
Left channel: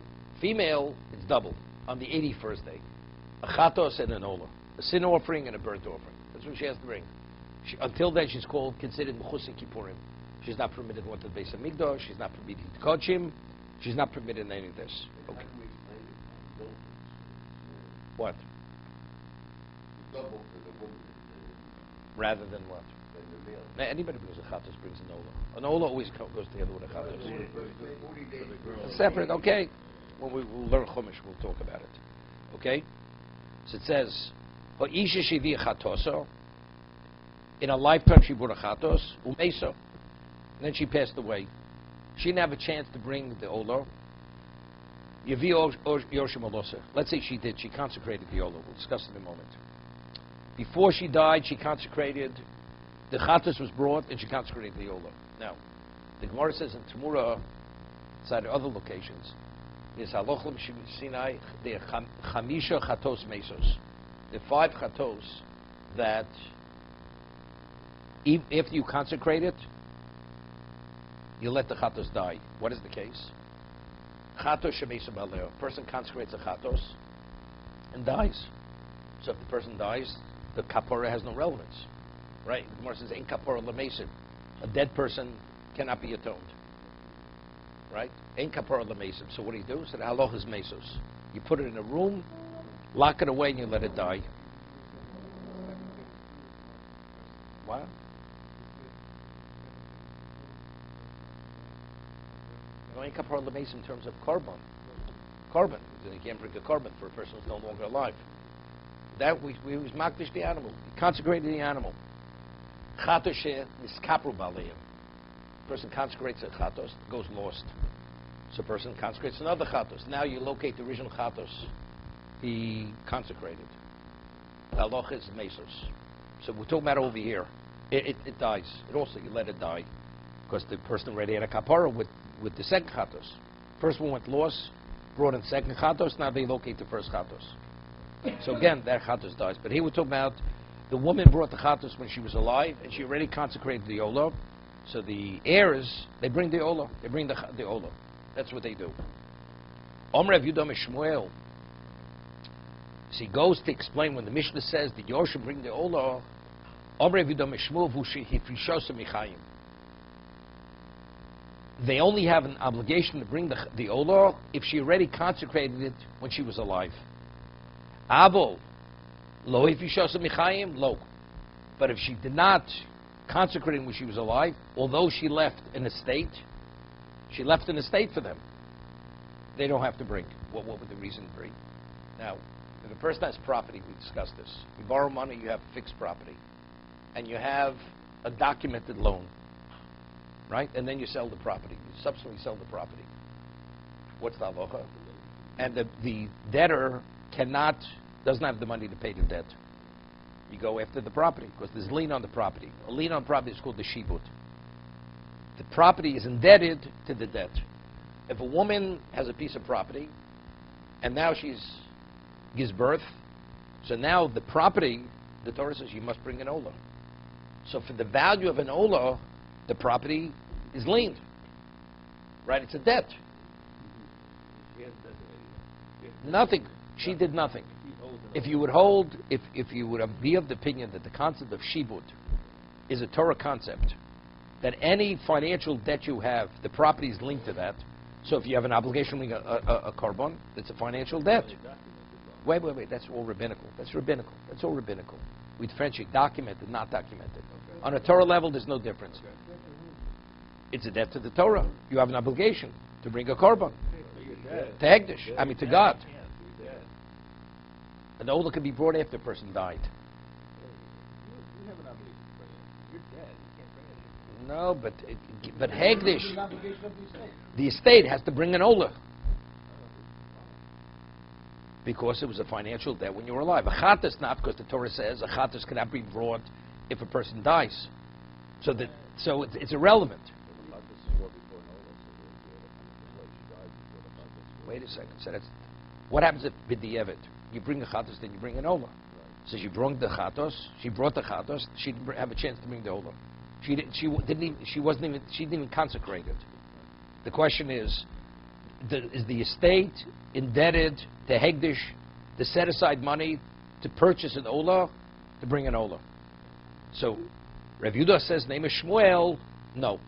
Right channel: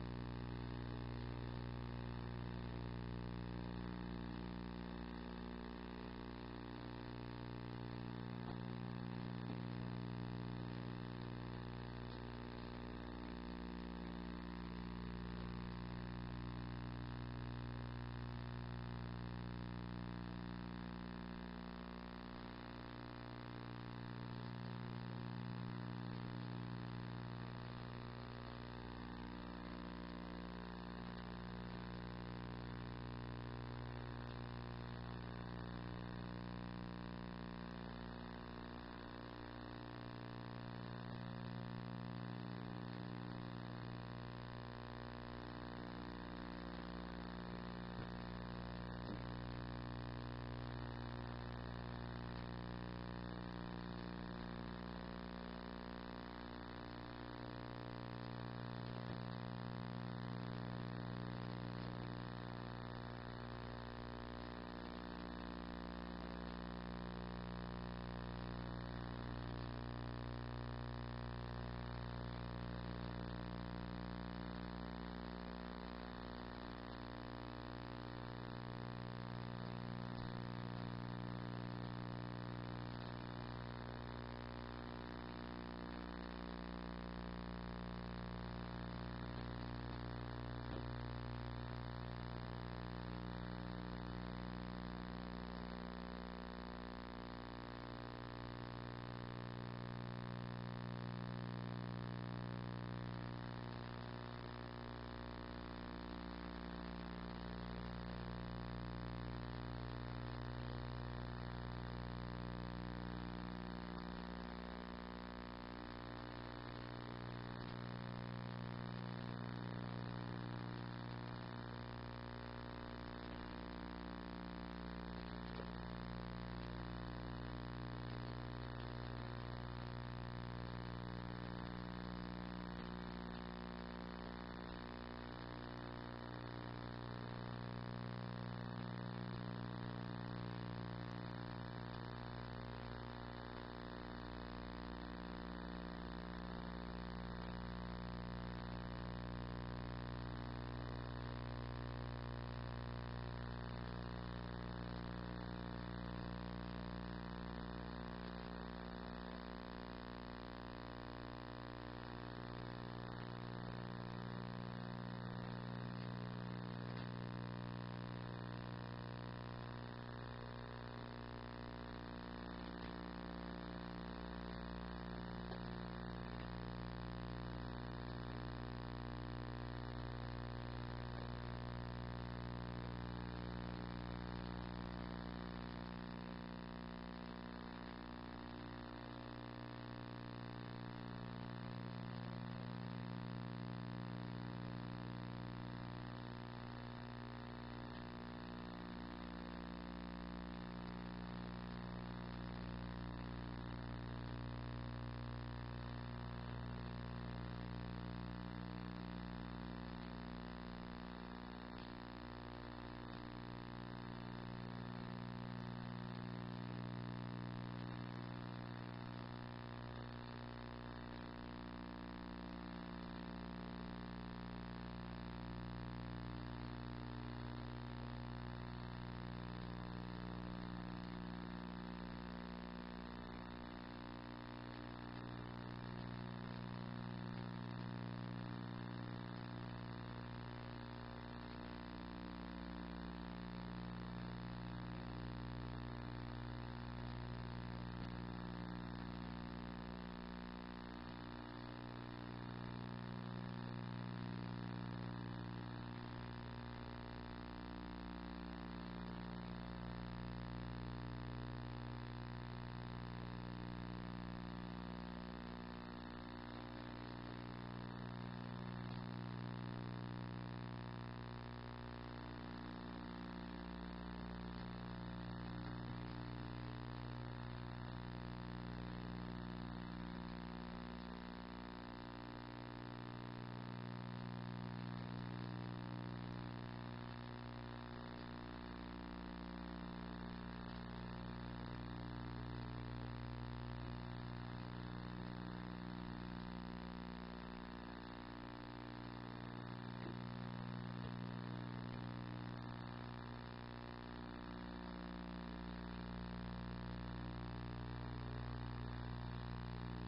female, it's double. On the 81st day. A chatos and an ola. A sin offering and a burnt offering. That's what she has to bring. Until then, she's considered mechusi kippurim. She's not permitted to go to the Beis Hamikdash. She's not permitted to eat kochim. She's not permitted any of this. Okay. What? Rather than what? Anybody who goes to chatos brings an ola. An ola always goes together with a chatos. Separate, okay. When we'll learn Chumash, we'll talk about it. Okay? So it says, Isha Shivi Chatoso. In a lifetime she brought a chatos, umeso. And then she passed away. She didn't have a chance to bring the ola. Yavi Yoshim Olosa. Let's say she did. She consecrated the ola. We'll discuss in a moment. Before she died, she consecrated. The chatos was brought, and she consecrated the olah. Now, the Gemara says in Tamura, inside other locations, is halochim Sinai the chamisha chatos mesos. The 5 chatos that, if you consecrate it, you let the chatos die. What is the case? Chatos shemesu baleo. A person consecrates a chatos and dies. So if the person dies, the kapara has no relevance, right? The Gemara says, "Ein kapara lemesim." A dead person cannot be atoned, right? Ein kapara lemesim. So what do you do? So the halach is mesos. You put it in a room, lock it away, and you let it die. What? No, ein kapara lemesim in terms of korban. Korban. You can't bring the korban for a person who's no longer alive. That we was makdish the animal, consecrated the animal. Chatos is kapru baliyah. Person consecrates a chatos, goes lost. So a person consecrates another chatos. Now you locate the original chatos, he consecrated. Haloch is mesos. So we're talking about over here. It dies. It also, you let it die, because the person already had a kapara with the second chatos. First one went lost, brought in second chatos. Now they locate the first chatos. So again, that chatos dies. But here we're talking about the woman brought the chatos when she was alive, and she already consecrated the olah. So the heirs, they bring the olah. They bring the olah. That's what they do. Omrev Yudam Shmuel. So he goes to explain when the Mishnah says the Yoshua bring the olah. Omrev Yudam Shmuel Hifrishosa Michayim. They only have an obligation to bring the olah if she already consecrated it when she was alive. Avo, lo ifishosa michayim, lo. But if she did not consecrate when she was alive, although she left an estate, for them. They don't have to bring. What would the reason be? Now, if a person has property, we discussed this. You borrow money, you have fixed property, and you have a documented loan, right? And then you sell the property. You subsequently sell the property. What's the halacha? And the debtor doesn't have the money to pay the debt. You go after the property, because there's lien on the property. A lien on property is called the shibud. The property is indebted to the debt. If a woman has a piece of property, and now she gives birth, so now the property, the Torah says you must bring an olah. So for the value of an olah, the property is liened. Right? It's a debt. Nothing. She did nothing. If you would be of the opinion that the concept of shibud is a Torah concept, that any financial debt you have, the property is linked to that. So if you have an obligation to a korban, it's a financial debt. Wait. That's all rabbinical. That's all rabbinical. We differentiate documented, not documented. On a Torah level, there's no difference. It's a debt to the Torah. You have an obligation to bring a korban. To Hegdish. To God. An olah can be brought after a person died. No, but Hegdish, the estate has to bring an olah, because it was a financial debt when you were alive. A chatas not, because the Torah says a chatas cannot be brought if a person dies. So it's irrelevant. Wait a second. So what happens if b'di'evet? You bring the chatos, then you bring an olah. So she brought the chatos. She didn't have a chance to bring the olah. She didn't even consecrate it. The question is the estate indebted to Hegdish to set aside money to purchase an olah, to bring an olah? So Rav Yehuda says, name is Shmuel, no.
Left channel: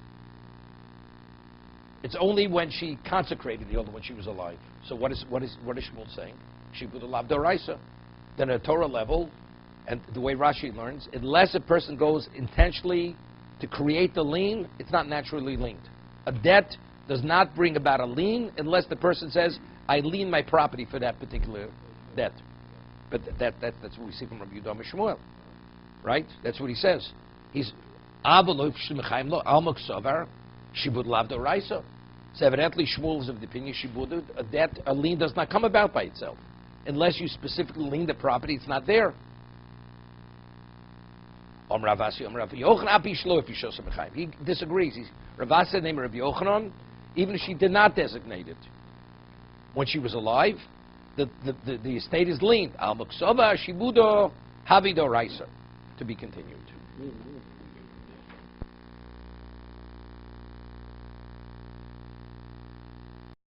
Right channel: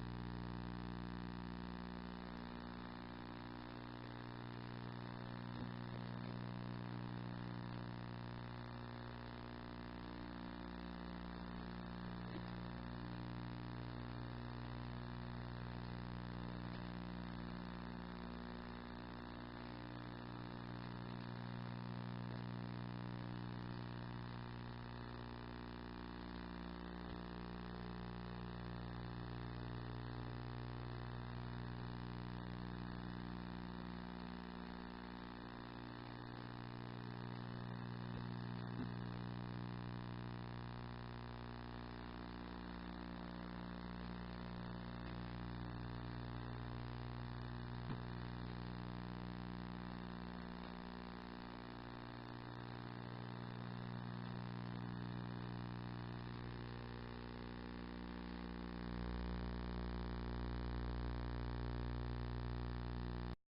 It's only when she consecrated the olah, when she was alive. So what is Shmuel saying? She would have loved Doraisa. Then at a Torah level, and the way Rashi learns, unless a person goes intentionally to create the lien, it's not naturally linked. A debt does not bring about a lien unless the person says, I lien my property for that particular debt. But that's what we see from Rabbi Yehuda Shmuel, right? That's what he says. He's Shibud lav d'oraisa. So evidently Shmuel is of the opinion shibud, a lien does not come about by itself. Unless you specifically lien the property, it's not there. He disagrees. Ravasi named Rabbi Yochanan, even if she did not designate it. When she was alive, the estate is lien. Al Muksova Shibudo Havido Raisa, to be continued.